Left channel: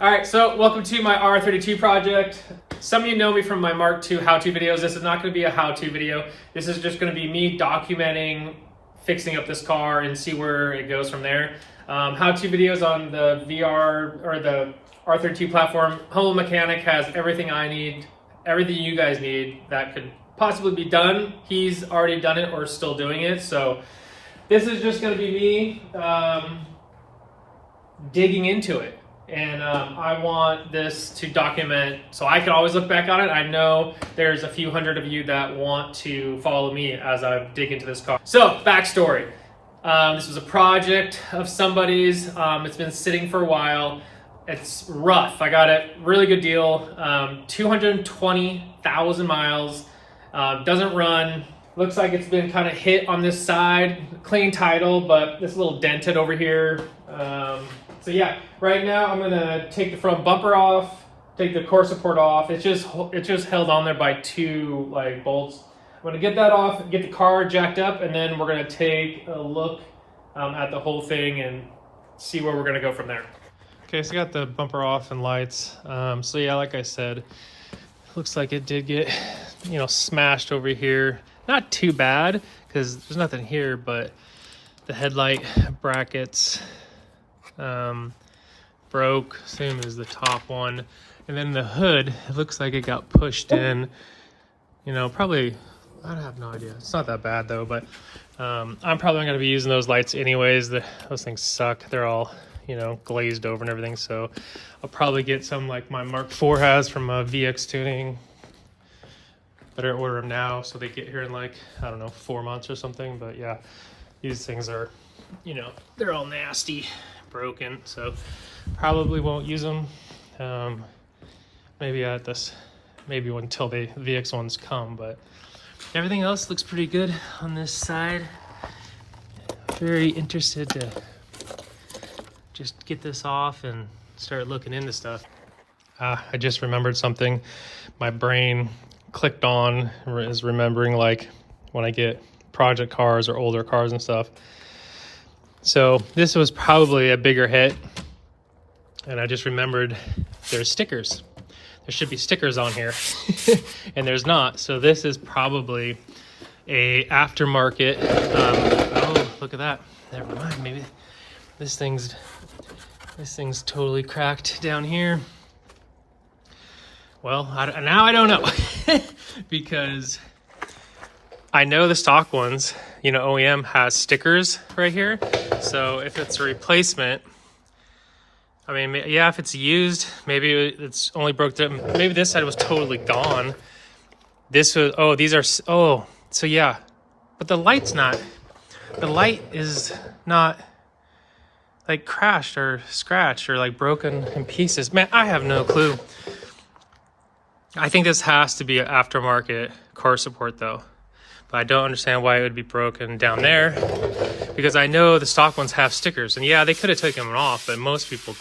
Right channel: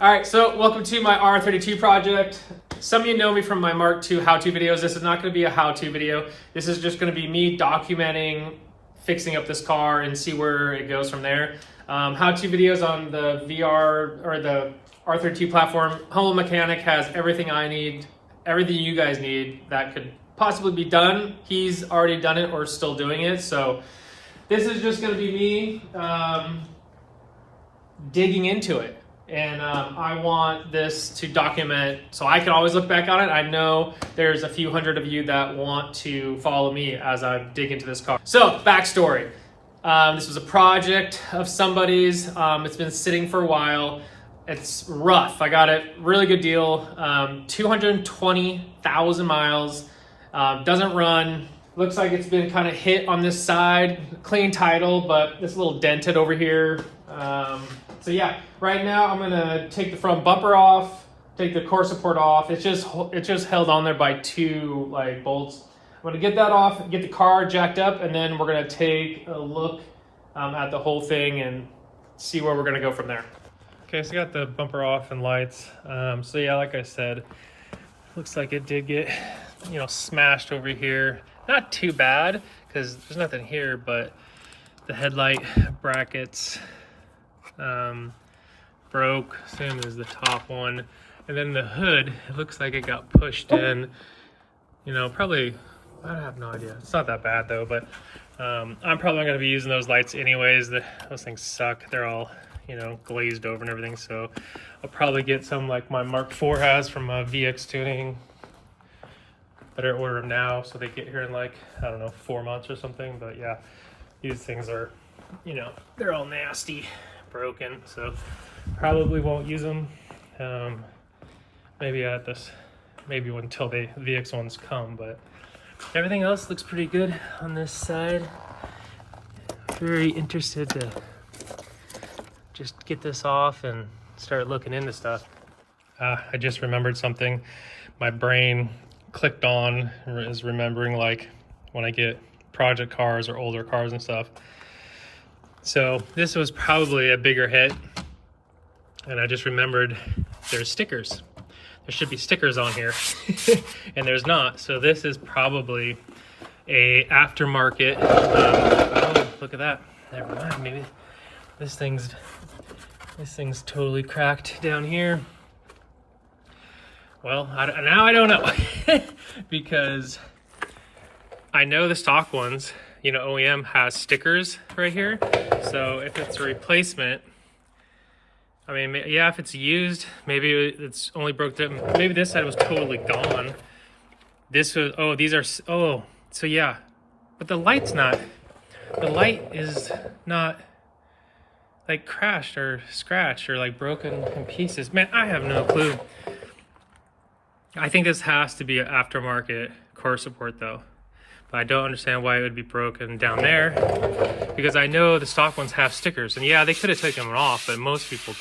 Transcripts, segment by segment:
All right, so welcome to my R32 project. Some of you know me from my Mark II how-to videos. This is not going to be a how-to video. This is just going to be me documenting fixing up this car and see where it goes from there. How-to videos on the VR or the R32 platform. Home Mechanic has everything I need, everything you guys need that could possibly be done. He's already done it or still doing it. So this is just going to be me digging into it. And I want this to document so I can always look back on it. I know there's a few hundred of you that want to follow me as I dig into this car. So, backstory. This was a project of somebody's. It's been sitting for a while. It's rough. I got it. Really good deal. 220,000 miles. Doesn't run. Looks like it's been kind of hit on this side. Clean title, but it's a little dented over here. So yeah, right now I'm gonna take the front bumper off, take the core support off. It's just held on there by two bolts. I'm gonna get that off, get the car jacked up, and then we're gonna take a look at the whole thing and see where we're gonna go from there. Okay, so I got the bumper off and lights. So yeah, like I said, looks like it did get, smashed over here. Not too bad because there's nothing here, but the headlight brackets broke, same as the top one, and then the hood, it looks like it got pushed in, probably, I have no idea. It's not that bad though, but I'm probably not going to be using those lights anyways. Those things suck. They're all glazed over and everything, so I'll probably get some like my Mark IV has from VX Tuning. Better order them now so they get here in 4 months or something. But yeah, these things are, they're all nasty, broken, so probably won't use them. Maybe until the VX ones come, but everything else looks pretty good on this side. Very interested to just get this off and start looking into stuff. I just remembered something. My brain clicked on is remembering when I get project cars or older cars and stuff. So this was probably a bigger hit, and I just remembered there's stickers. There should be stickers on here, and there's not. So this is probably a aftermarket. Oh, look at that. Never mind. Maybe this thing's totally cracked down here. Well, now I don't know because I know the stock ones, OEM has stickers right here. So if it's a replacement, I mean, yeah, if it's used, maybe it's only broke down. Maybe this side was totally gone. This was, so yeah. But the light is not crashed or scratched or broken in pieces. Man, I have no clue. I think this has to be an aftermarket car support though. But I don't understand why it would be broken down there, because I know the stock ones have stickers, and yeah, they could have taken them off, but most people,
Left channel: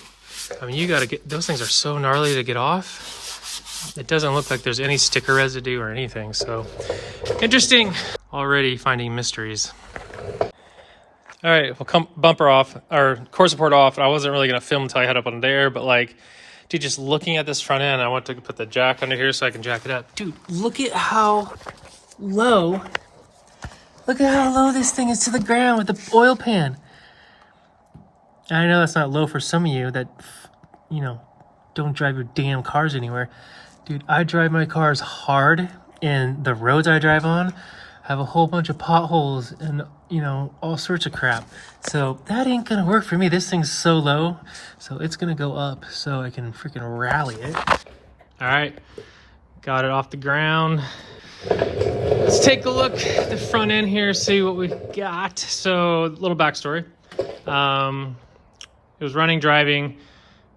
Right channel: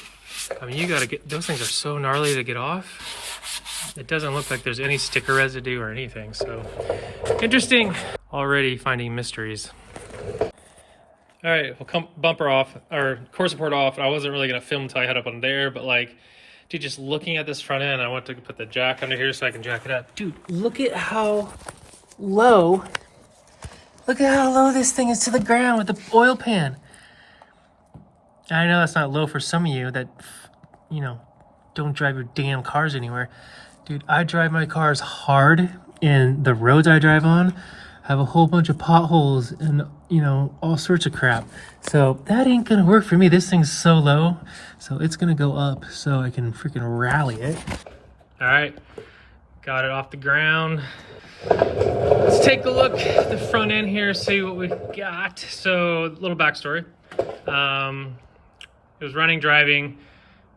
I mean, you gotta get, those things are so gnarly to get off. It doesn't look like there's any sticker residue or anything, so interesting. Already finding mysteries. All right, we'll come bumper off, or core support off. I wasn't really gonna film until I head up on there, but dude, just looking at this front end, I want to put the jack under here so I can jack it up. Dude, look at how low this thing is to the ground with the oil pan. And I know that's not low for some of you that, don't drive your damn cars anywhere. Dude, I drive my cars hard, and the roads I drive on have a whole bunch of potholes and, all sorts of crap. So that ain't gonna work for me. This thing's so low, so it's gonna go up so I can freaking rally it. All right, got it off the ground. Let's take a look at the front end here, see what we got. So, a little backstory. It was running, driving.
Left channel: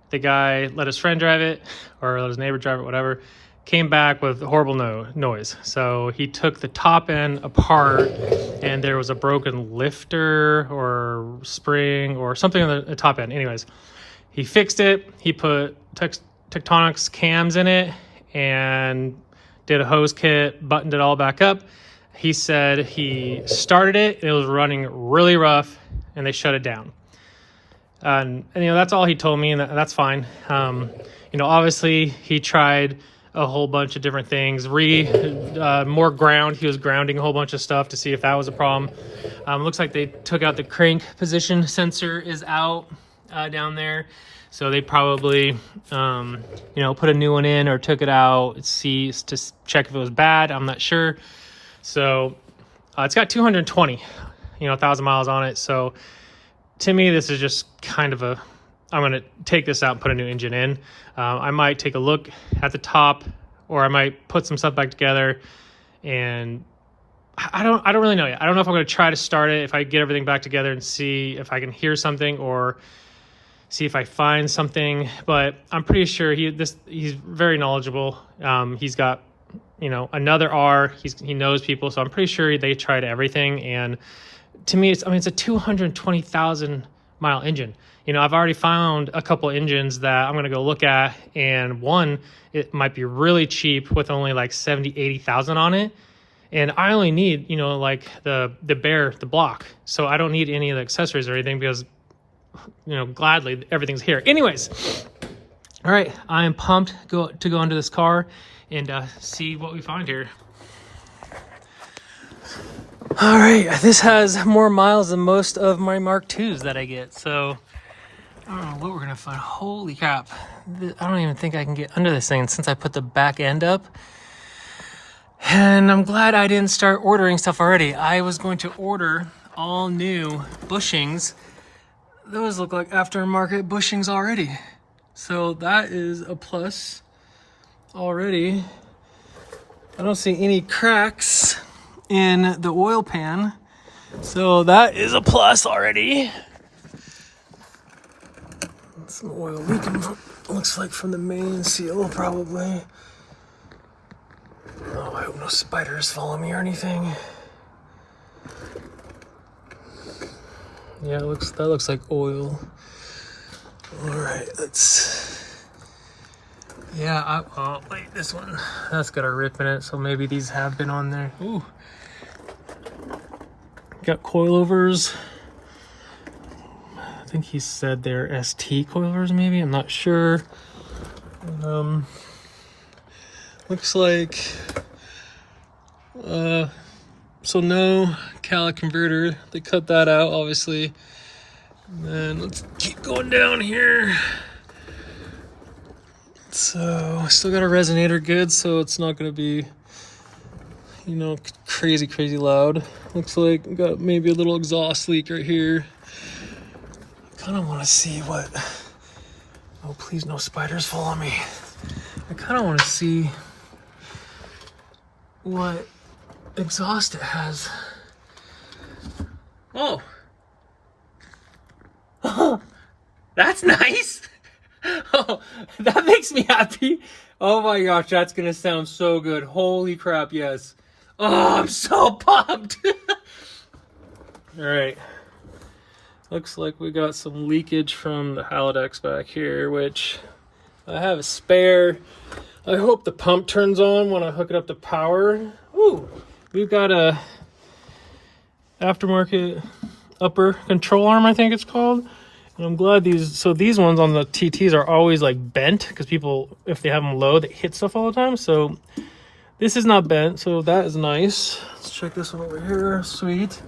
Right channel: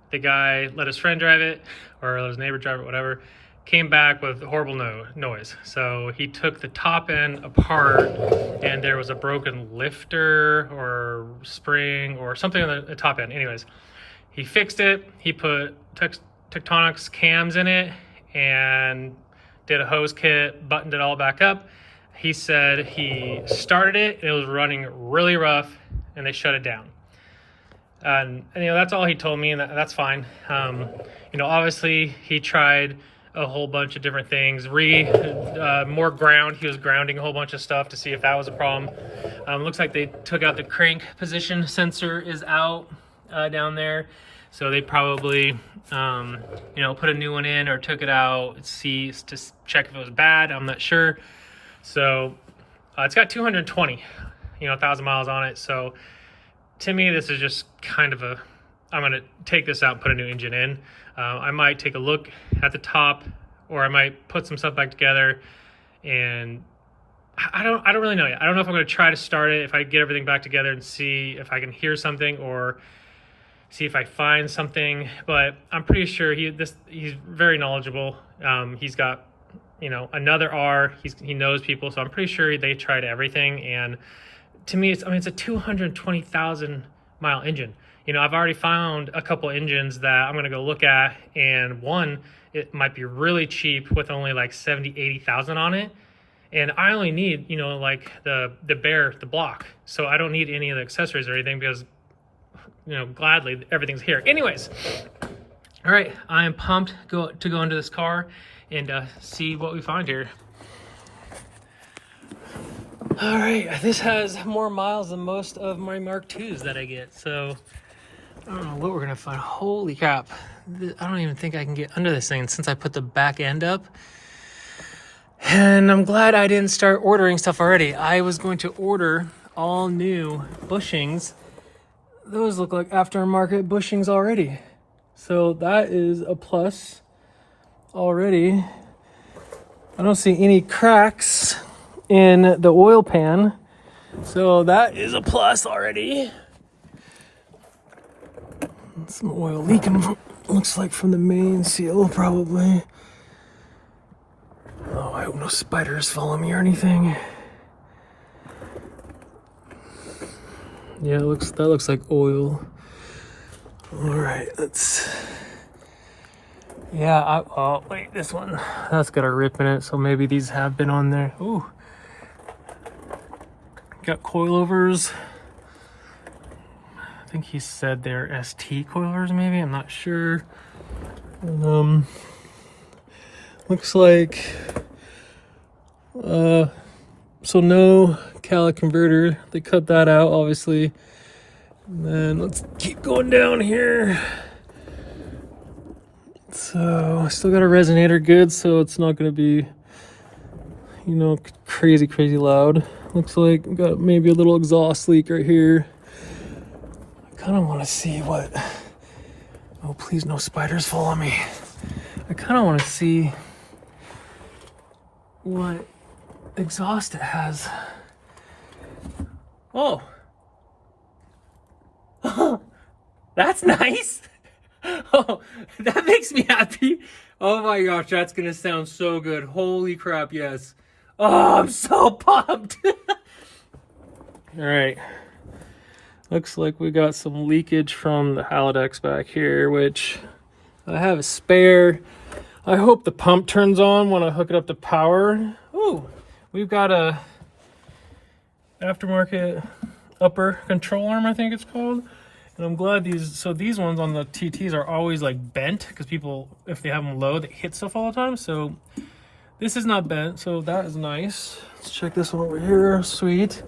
The guy let his friend drive it, or let his neighbor drive it, whatever. Came back with horrible noise. So he took the top end apart, and there was a broken lifter or spring or something on the top end. Anyways, he fixed it. He put Tectonics cams in it and did a hose kit, buttoned it all back up. He said he started it, it was running really rough, and they shut it down. And you know, that's all he told me, and that's fine. You know, obviously he tried a whole bunch of different things. More ground. He was grounding a whole bunch of stuff to see if that was a problem. Looks like they took out the crank position sensor is out down there. So they probably, you know, put a new one in or took it out, to check if it was bad. I'm not sure. So it's got 220, you know, 1,000 miles on it. So to me, this is just kind of I'm going to take this out and put a new engine in. I might take a look at the top, or I might put some stuff back together, and I don't really know yet. I don't know if I'm going to try to start it, if I get everything back together and see if I can hear something or see if I find something, but I'm pretty sure he's very knowledgeable. He's got, you know, another R, he knows people, so I'm pretty sure they tried everything. And to me, it's a 220,000 mile engine. You know, I've already found a couple engines that I'm going to go look at, and one, it might be really cheap with only like 80,000 on it. And I only need, you know, like the block. So I don't need any of the accessories or anything, because, you know, gladly everything's here. Anyways, all right, I am pumped to go into this car and see what we find here. All right, this has more miles than most of my Mark IIs that I get, so I don't know what we're gonna find. Holy crap, I don't even think I can get under this thing since I put the back end up. And I'm glad I didn't start ordering stuff already. I was going to order all new bushings. Those look like aftermarket bushings already. So that is a plus already. I don't see any cracks in the oil pan. So that is a plus already. Some oil leaking, looks like from the main seal, probably. Oh, I hope no spiders follow me or anything. Yeah, that looks like oil. All right, oh wait, this one, that's got a rip in it, so maybe these have been on there. Ooh, got coilovers. I think he said they're ST coilovers, maybe, I'm not sure. Looks like, so no calic converter, they cut that out, obviously. And then let's keep going down here. So still got a resonator good, so it's not gonna be, you know, crazy loud. Looks like we got maybe a little exhaust leak right here. I kind of want to see what, oh please no spiders follow me. I kind of want to see what exhaust it has. Oh. Oh, that's nice. Oh, that makes me happy. Oh my gosh, that's gonna sound so good. Holy crap, yes. Oh, I'm so pumped. All right. Looks like we got some leakage from the Halodex back here, which I have a spare. I hope the pump turns on when I hook it up to power. Ooh, we've got a aftermarket upper control arm, I think it's called. And I'm glad these ones on the TTs are always like bent, because people, if they have them low, they hit stuff all the time. So this is not bent, so that is nice. Let's check this one over here. Sweet,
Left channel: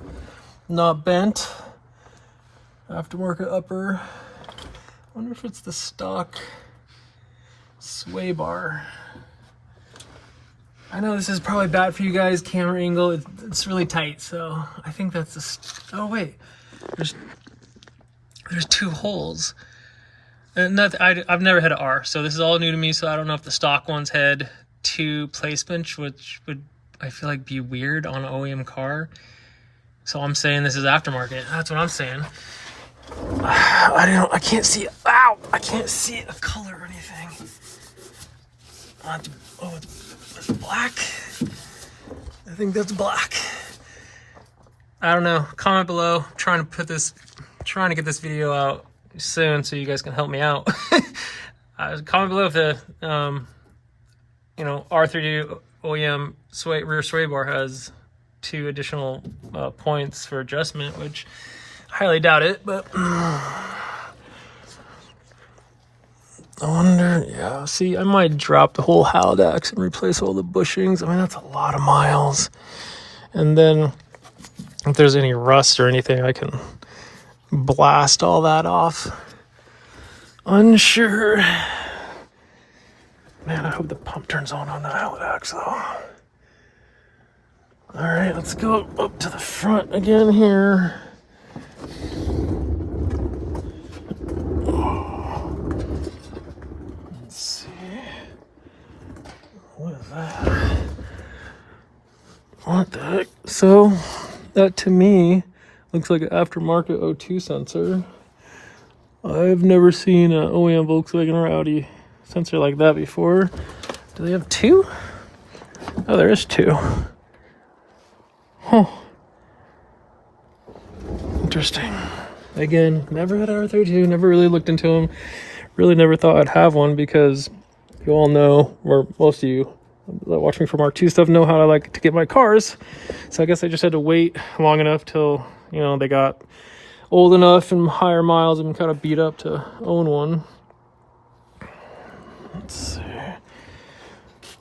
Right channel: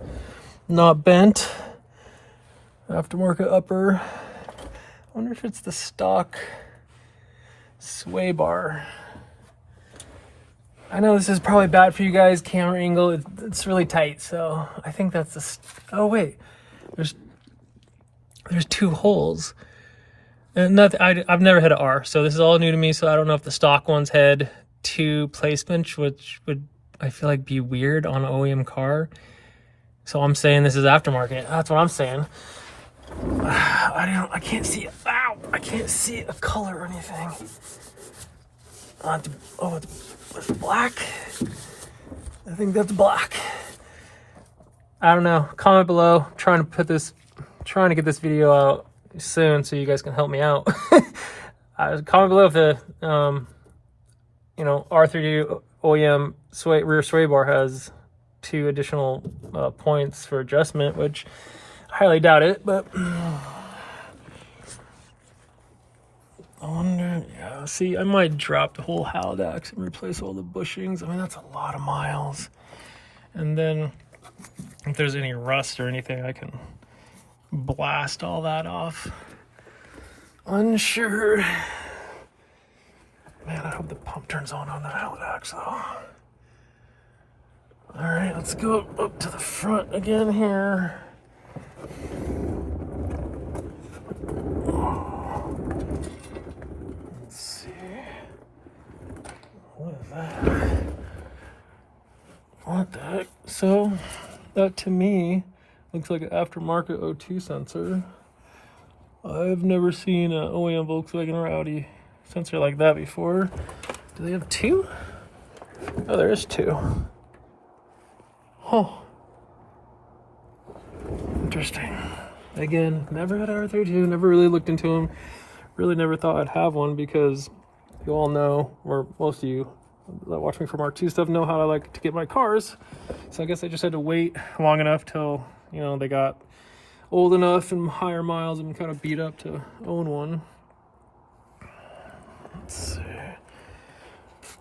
not bent. Aftermarket upper. I wonder if it's the stock sway bar. I know this is probably bad for you guys, camera angle. It's really tight, so I think that's the. Oh wait, there's two holes. And I've never hit an R, so this is all new to me. So I don't know if the stock ones had two placements, which would, I feel like, be weird on an OEM car. So I'm saying this is aftermarket. That's what I'm saying. I can't see. Ow! I can't see a color or anything. Oh, it's black. I think that's black. I don't know. Comment below. I'm trying to get this video out soon so you guys can help me out. Comment below if the R32 OEM rear sway bar has 2 additional points for adjustment, which I highly doubt it, but I wonder, yeah, see, I might drop the whole Halidax and replace all the bushings. I mean, that's a lot of miles. And then if there's any rust or anything, I can blast all that off. Unsure. Man, I hope the pump turns on the Halidax, though. All right, let's go up to the front again here. Let's see. What is that? What the heck? So, that to me looks like an aftermarket O2 sensor. I've never seen an OEM Volkswagen or Audi sensor like that before. Do they have two? Oh, there is two. Huh. Interesting. Again, never had an R32, never really looked into them. Really never thought I'd have one because you all know, or most of you that watch me from R2 stuff know how I like to get my cars. So I guess I just had to wait long enough till, you know, they got old enough and higher miles and kind of beat up to own one. Let's see.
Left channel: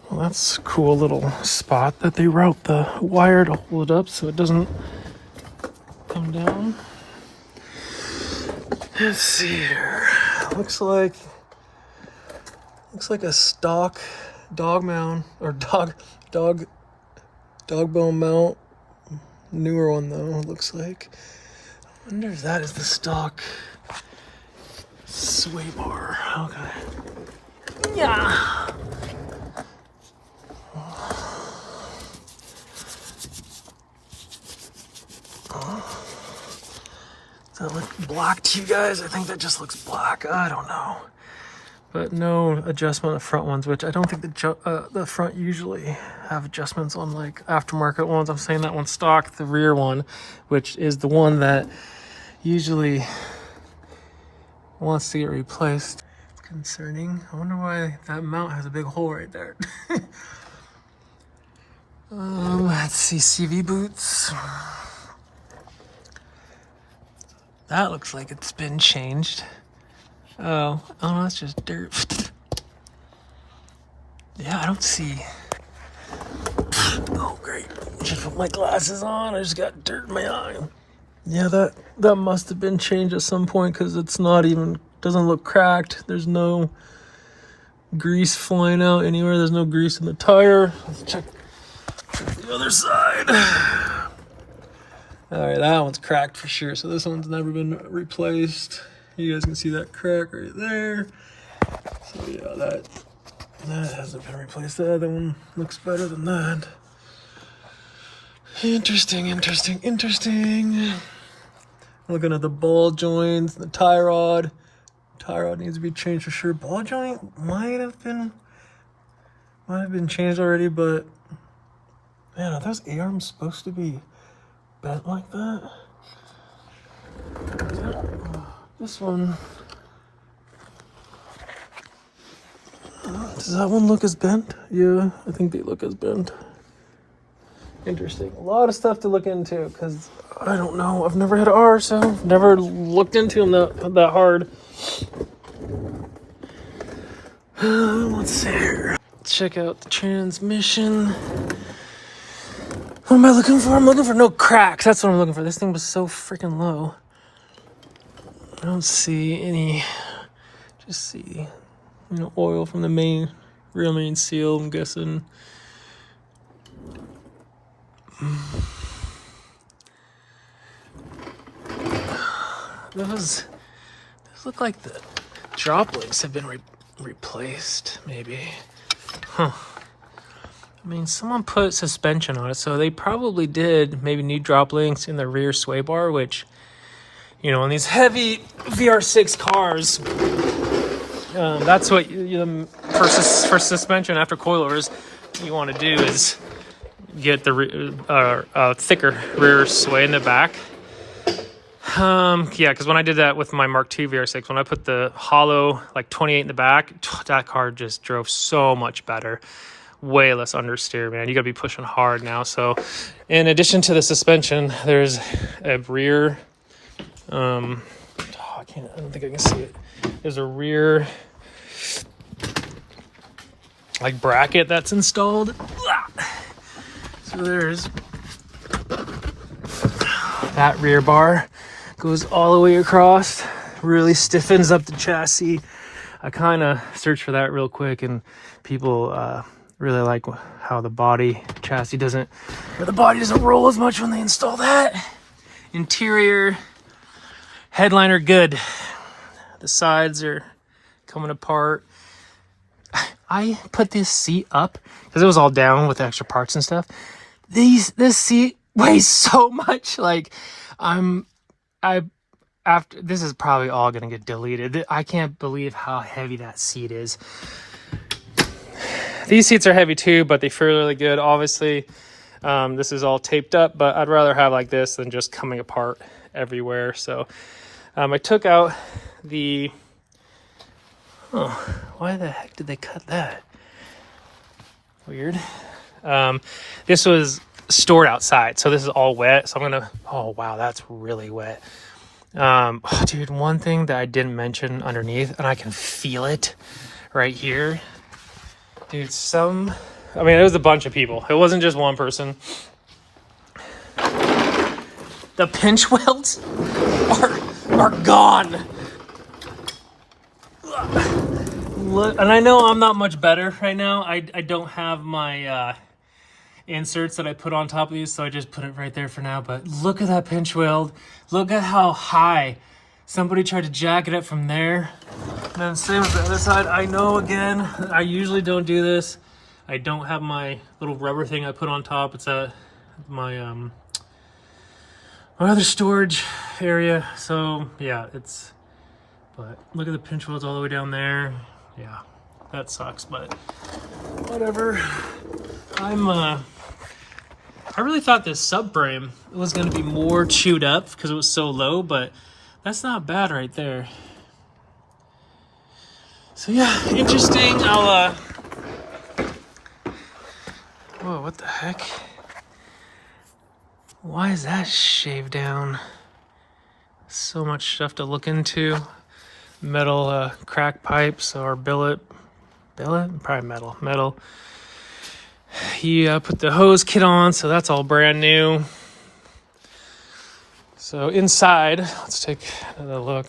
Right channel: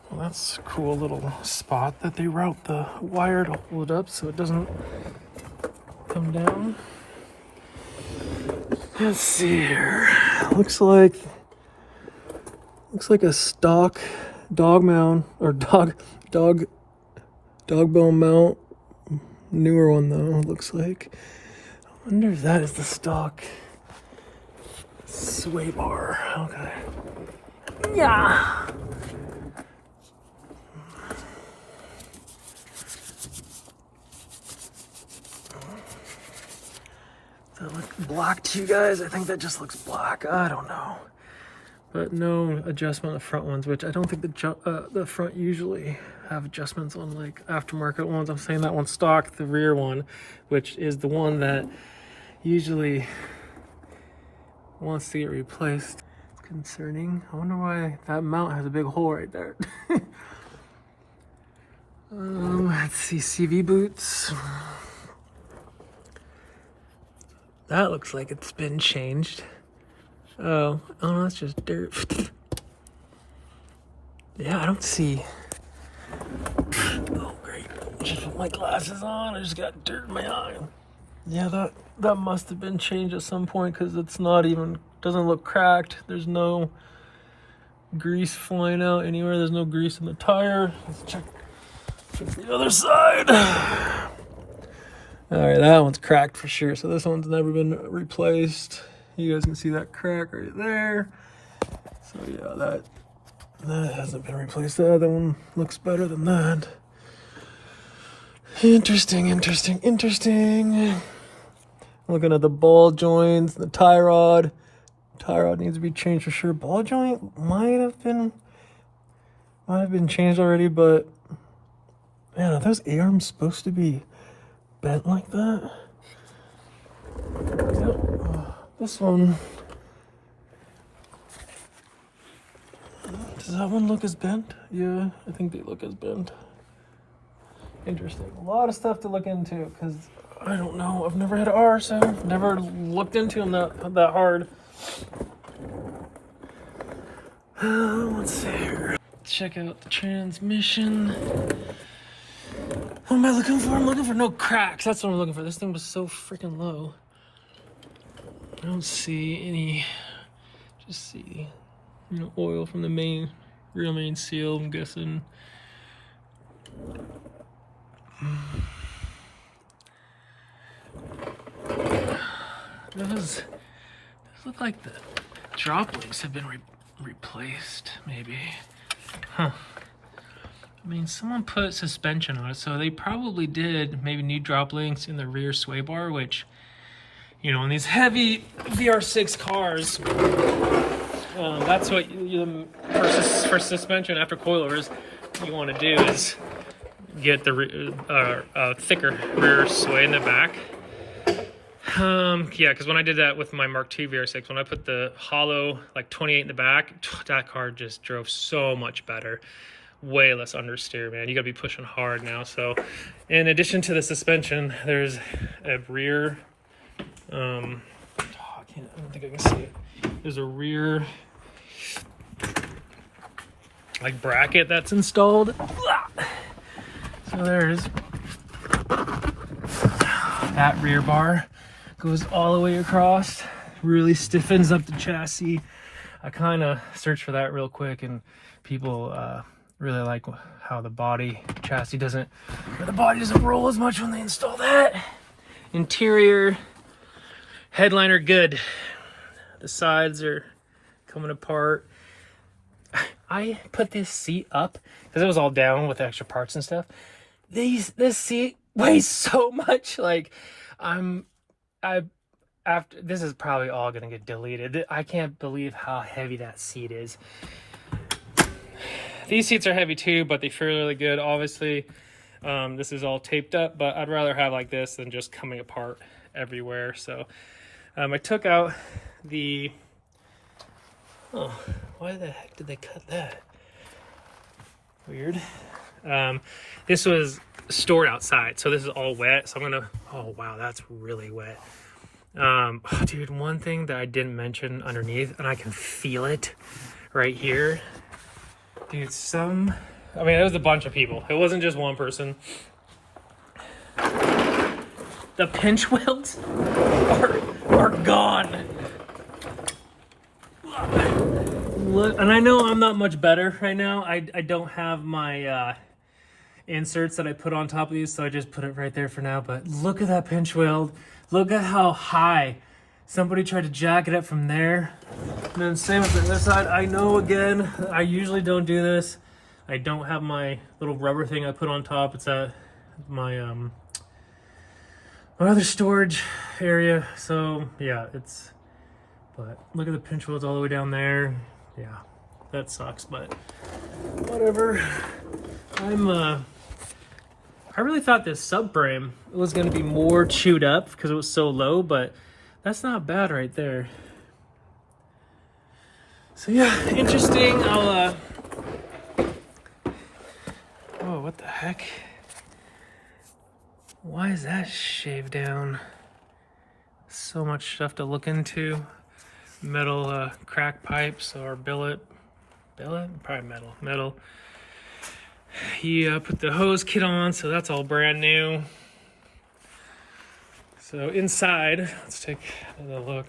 Well, that's a cool little spot that they route the wire to hold it up so it doesn't come down. Let's see here. Looks like a stock dog mount or dog bone mount. Newer one though, it looks like. I wonder if that is the stock sway bar. Okay. Yeah. Does that look black to you guys? I think that just looks black. I don't know. But no adjustment of front ones, which I don't think the front usually have adjustments on like aftermarket ones. I'm saying that one's stock, the rear one, which is the one that usually wants to get replaced. It's concerning. I wonder why that mount has a big hole right there. Let's see, CV boots. That looks like it's been changed. Oh, that's just dirt. Yeah, I don't see. Oh, great. Just put my glasses on. I just got dirt in my eye. Yeah, that must have been changed at some point because it's not even, doesn't look cracked. There's no grease flying out anywhere. There's no grease in the tire. Let's check the other side. All right, that one's cracked for sure. So this one's never been replaced. You guys can see that crack right there. So yeah, that hasn't been replaced. The other one looks better than that. Interesting. Looking at the ball joints, the tie rod. Tie rod needs to be changed for sure. Ball joint might have been changed already, but man, are those arms supposed to be bent like that? This one, does that one look as bent? Yeah, I think they look as bent. Interesting. A lot of stuff to look into because I don't know. I've never had an R, so I've never looked into them that hard. Let's see here. Check out the transmission. What am I looking for? I'm looking for no cracks. That's what I'm looking for. This thing was so freaking low. I don't see any, just see, oil from the rear main seal, I'm guessing. Those look like the drop links have been replaced, maybe. Huh. I mean, someone put suspension on it, so they probably did maybe new drop links in the rear sway bar, which, in these heavy VR6 cars, that's what for suspension after coilovers you want to do is get the thicker rear sway in the back. Yeah, because when I did that with my Mark II VR6, when I put the hollow like 28 in the back, that car just drove so much better. Way less understeer, man. You gotta be pushing hard now. So in addition to the suspension, there's a rear I don't think I can see it. There's a rear like bracket that's installed. So there's that rear bar, goes all the way across, really stiffens up the chassis. I kind of searched for that real quick, and people really like how the chassis doesn't roll as much when they install that. Interior, headliner good. The sides are coming apart. I put this seat up because it was all down with extra parts and stuff. This seat weighs so much. Like after this is probably all gonna get deleted. I can't believe how heavy that seat is. These seats are heavy too, but they feel really good. Obviously, this is all taped up, but I'd rather have like this than just coming apart everywhere. So I took out the, why the heck did they cut that? Weird. This was stored outside, so this is all wet. So I'm gonna, oh wow, that's really wet. Dude, one thing that I didn't mention underneath, and I can feel it right here. Dude, it was a bunch of people. It wasn't just one person. The pinch welds are gone. Look, and I know I'm not much better right now. I don't have my inserts that I put on top of these, so I just put it right there for now. But look at that pinch weld. Look at how high. Somebody tried to jack it up from there. And then same with the other side. I know, again, I usually don't do this. I don't have my little rubber thing I put on top. It's at my my other storage area. So yeah, but look at the pinch welds all the way down there. Yeah, that sucks, but whatever. I really thought this subframe was going to be more chewed up because it was so low, but that's not bad right there. So yeah, interesting. Whoa, what the heck? Why is that shaved down? So much stuff to look into. Metal crack pipes or billet, probably metal. He put the hose kit on, so that's all brand new. So inside, let's take another look.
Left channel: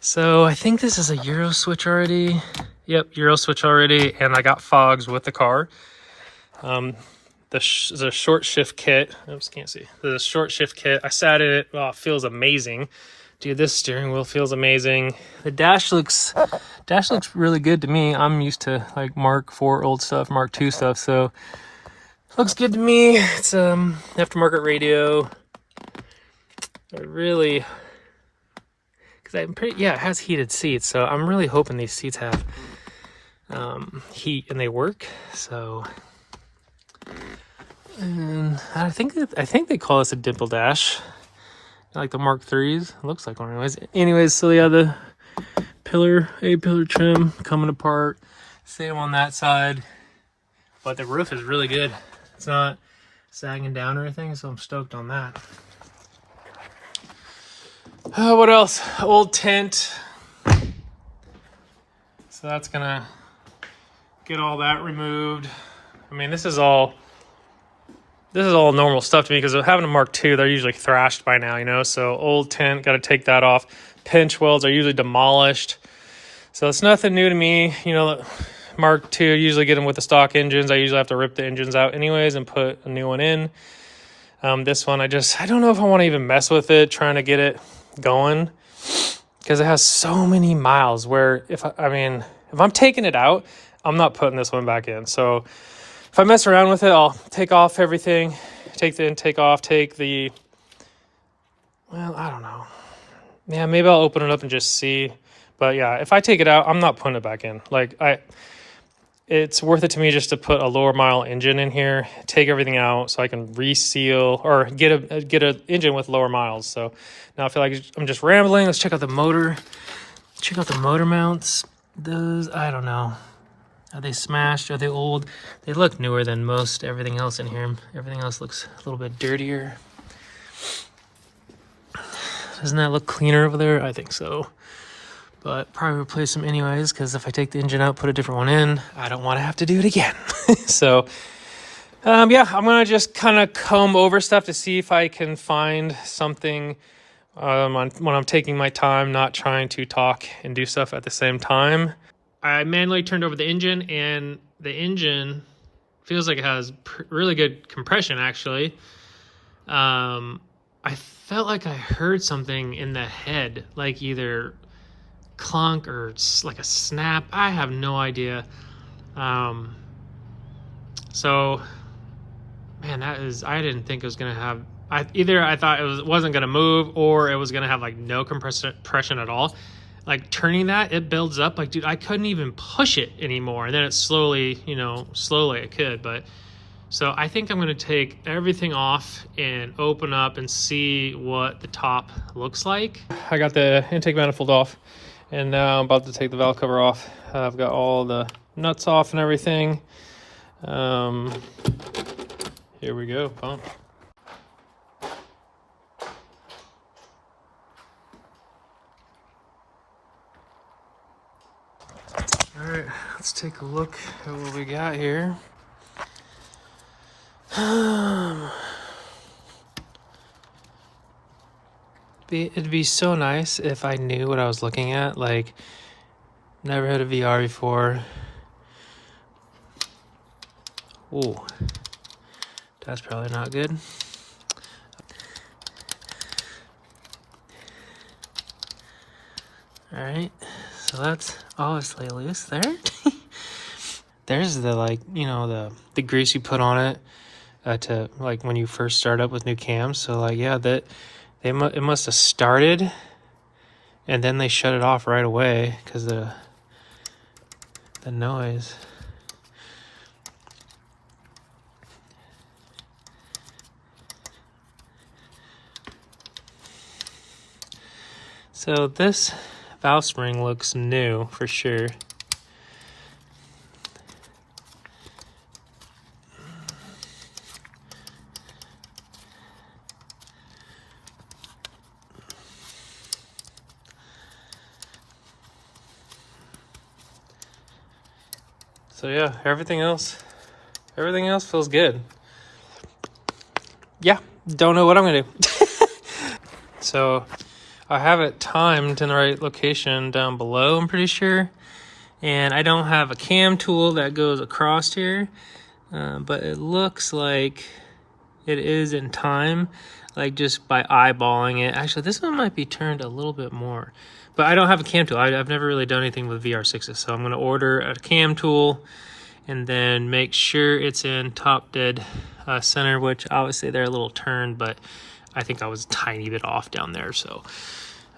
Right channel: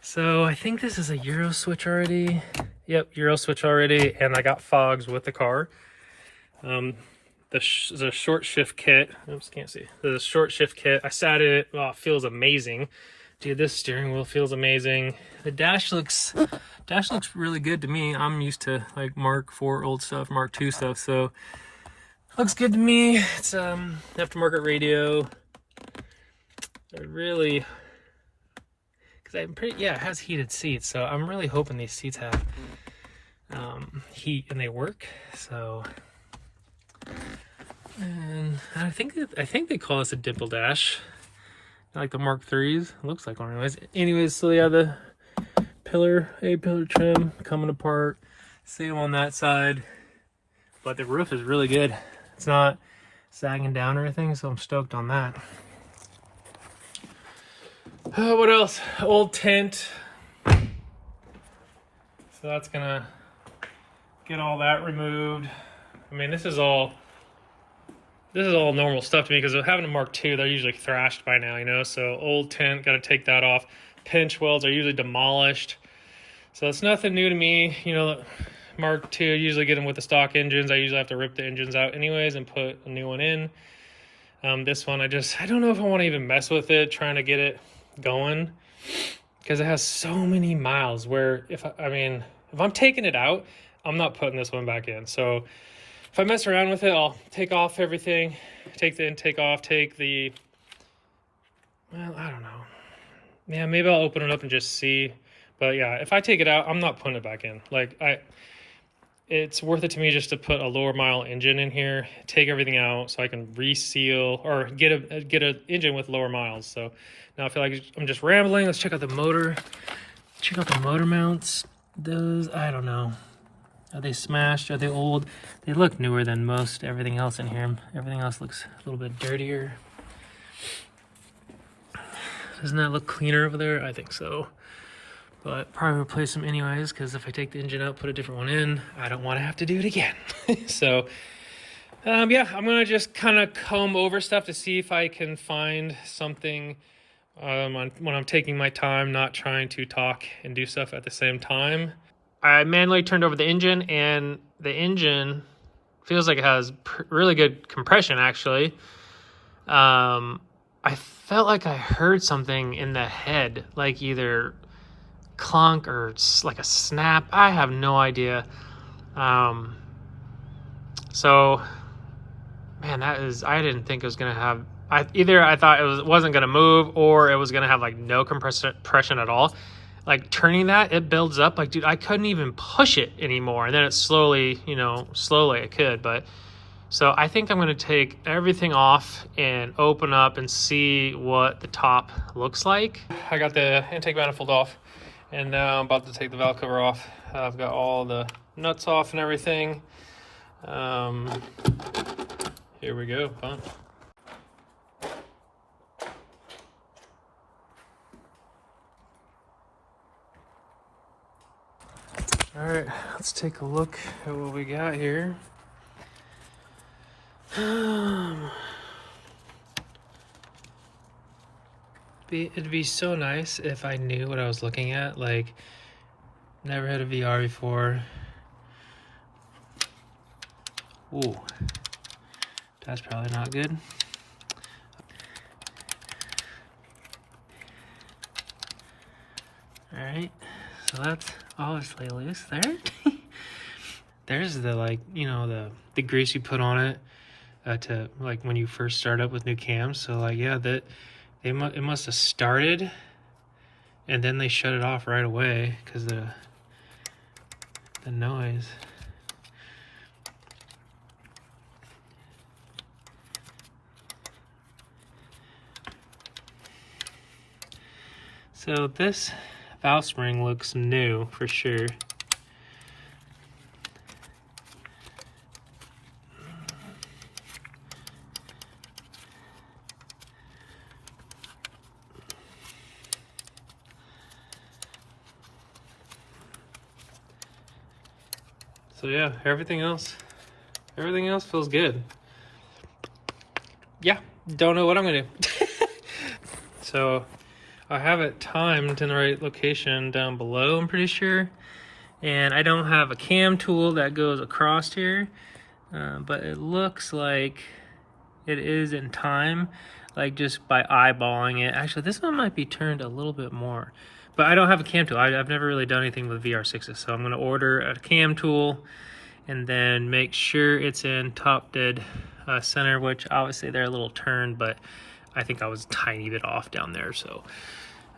So I think this is a Euro switch already. Yep, Euro switch already, and I got fogs with the car. The short shift kit. Oops, can't see. The short shift kit. I sat in it. Oh, it feels amazing. Dude, this steering wheel feels amazing. The dash looks really good to me. I'm used to like Mark IV old stuff, Mark II stuff, so looks good to me. It's aftermarket radio. It has heated seats, so I'm really hoping these seats have heat and they work. So, and I think they call this a dimple dash. Like the Mark IIIs. It looks like one anyways. So yeah, the pillar trim coming apart. Same on that side. But the roof is really good. It's not sagging down or anything, so I'm stoked on that. What else? Old tent. So that's gonna get all that removed. I mean, this is all normal stuff to me because having a Mark II, they're usually thrashed by now, you know. So old tent, got to take that off. Pinch welds are usually demolished, so it's nothing new to me. You know, Mark II, I usually get them with the stock engines. I usually have to rip the engines out anyways and put a new one in. This one, I don't know if I want to even mess with it, trying to get it going because it has so many miles. Where if I'm taking it out, I'm not putting this one back in. So if I mess around with it, I'll take off everything, take the intake off, I don't know. Yeah, maybe I'll open it up and just see. But yeah, if I take it out, I'm not putting it back in. It's worth it to me just to put a lower mile engine in here, take everything out so I can reseal or get a engine with lower miles. So now I feel like I'm just rambling. Let's check out the motor. Check out the motor mounts. Those, I don't know. Are they smashed? Are they old? They look newer than most everything else in here. Everything else looks a little bit dirtier. Doesn't that look cleaner over there? I think so. but probably replace them anyways, because if I take the engine out, put a different one in, I don't want to have to do it again. So yeah, I'm gonna just kind of comb over stuff to see if I can find something when I'm taking my time, not trying to talk and do stuff at the same time. I manually turned over the engine, and the engine feels like it has really good compression, actually. I felt like I heard something in the head, like either clunk or like a snap. I have no idea. So, man, I didn't think it was gonna have. Either I thought it wasn't gonna move, or it was gonna have like no compression at all. Like turning that, it builds up. Like, dude, I couldn't even push it anymore. And then it slowly, slowly I could. But so I think I'm gonna take everything off and open up and see what the top looks like. I got the intake manifold off, and now I'm about to take the valve cover off. I've got all the nuts off and everything. Here we go, fun. All right, let's take a look at what we got here. It'd be so nice if I knew what I was looking at. Like, never had a VR before. Ooh, that's probably not good. All right, so that's obviously loose there. There's the, like, the grease you put on it to, like, when you first start up with new cams. So, like, yeah, it must have started, and then they shut it off right away because the noise. So this valve spring looks new for sure. So yeah, everything else feels good. Yeah, don't know what I'm gonna do. So I have it timed in the right location down below, I'm pretty sure. And I don't have a cam tool that goes across here, but it looks like it is in time, like just by eyeballing it. Actually, this one might be turned a little bit more, but I don't have a cam tool. I've never really done anything with VR6s, so I'm gonna order a cam tool and then make sure it's in top dead center, which obviously they're a little turned, but I think I was a tiny bit off down there. So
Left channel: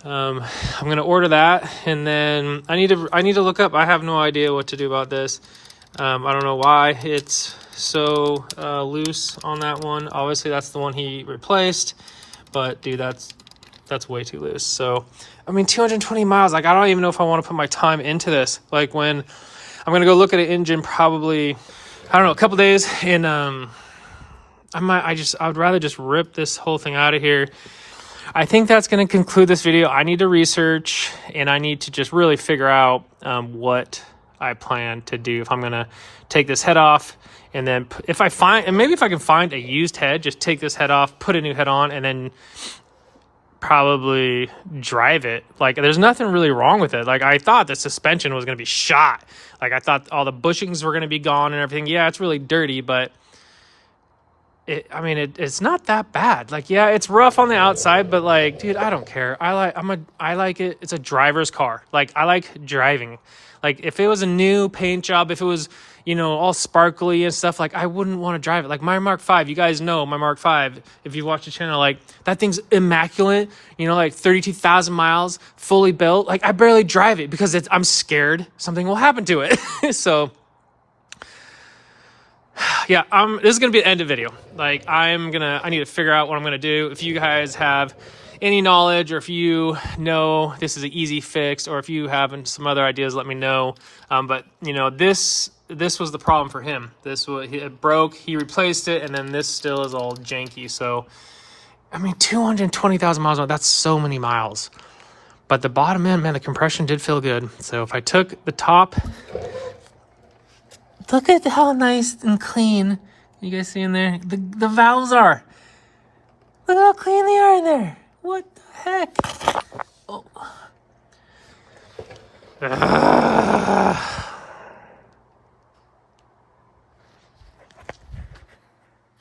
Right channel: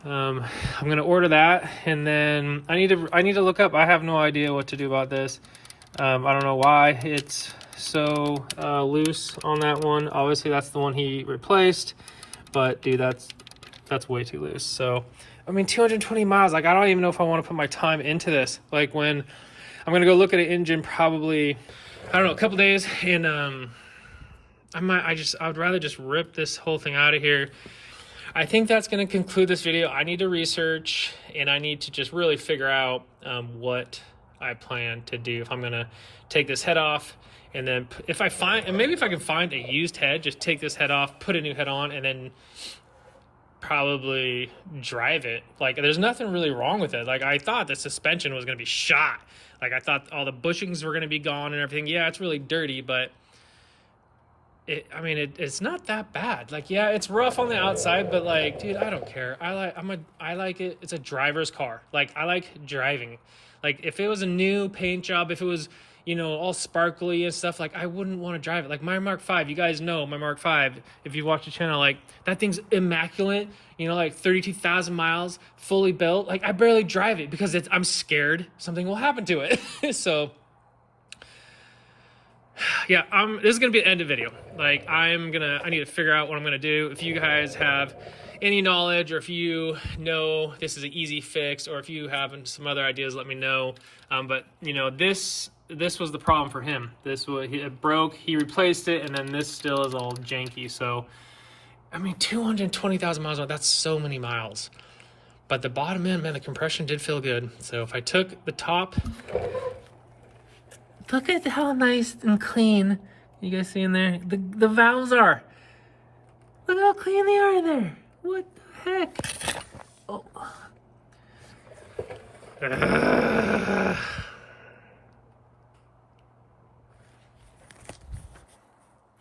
I'm gonna order that, and then I need to look up. I have no idea what to do about this. I don't know why it's so loose on that one. Obviously that's the one he replaced, but dude, that's way too loose. So I mean, 220 miles, like I don't even know if I want to put my time into this. Like, when I'm gonna go look at an engine probably, I don't know, a couple days, and I would rather just rip this whole thing out of here. I think that's going to conclude this video. I need to research, and I need to just really figure out what I plan to do. If I'm going to take this head off, and then if I can find a used head, just take this head off, put a new head on, and then probably drive it. Like, there's nothing really wrong with it. Like, I thought the suspension was going to be shot. Like, I thought all the bushings were going to be gone and everything. Yeah, it's really dirty, but it's not that bad. Like, yeah, it's rough on the outside, but like, dude, I don't care. I like it. It's a driver's car. Like, I like driving. Like, if it was a new paint job, if it was, all sparkly and stuff, like, I wouldn't want to drive it. Like my Mark V, you guys know my Mark V, if you watch the channel, like, that thing's immaculate, like 32,000 miles, fully built. Like, I barely drive it because I'm scared something will happen to it. So yeah, this is gonna be an end of video. Like, I need to figure out what I'm gonna do. If you guys have any knowledge, or if you know this is an easy fix, or if you have some other ideas, let me know. But this was the problem for him. It broke, he replaced it, and then this still is all janky. So I mean, 220,000 miles, that's so many miles. But the bottom end, man, the compression did feel good. So if I took the top, look at how nice and clean. You guys see in there? The valves are. Look how clean they are in there. What the heck? Oh.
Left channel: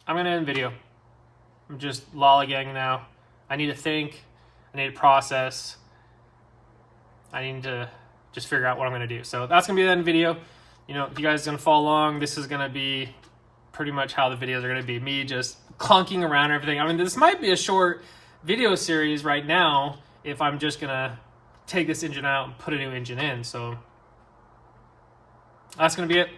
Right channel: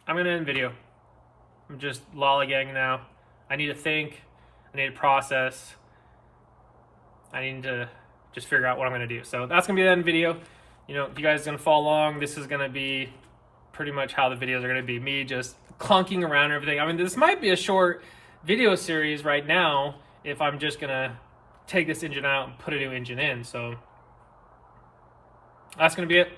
I'm gonna end the video. I'm just lollygagging now. I need to think. I need to process. I need to just figure out what I'm gonna do. So that's gonna be the end video. You know, if you guys are gonna follow along, this is gonna be pretty much how the videos are gonna be. Me just clunking around everything. I mean, this might be a short video series right now if I'm just gonna take this engine out and put a new engine in. So that's gonna be it.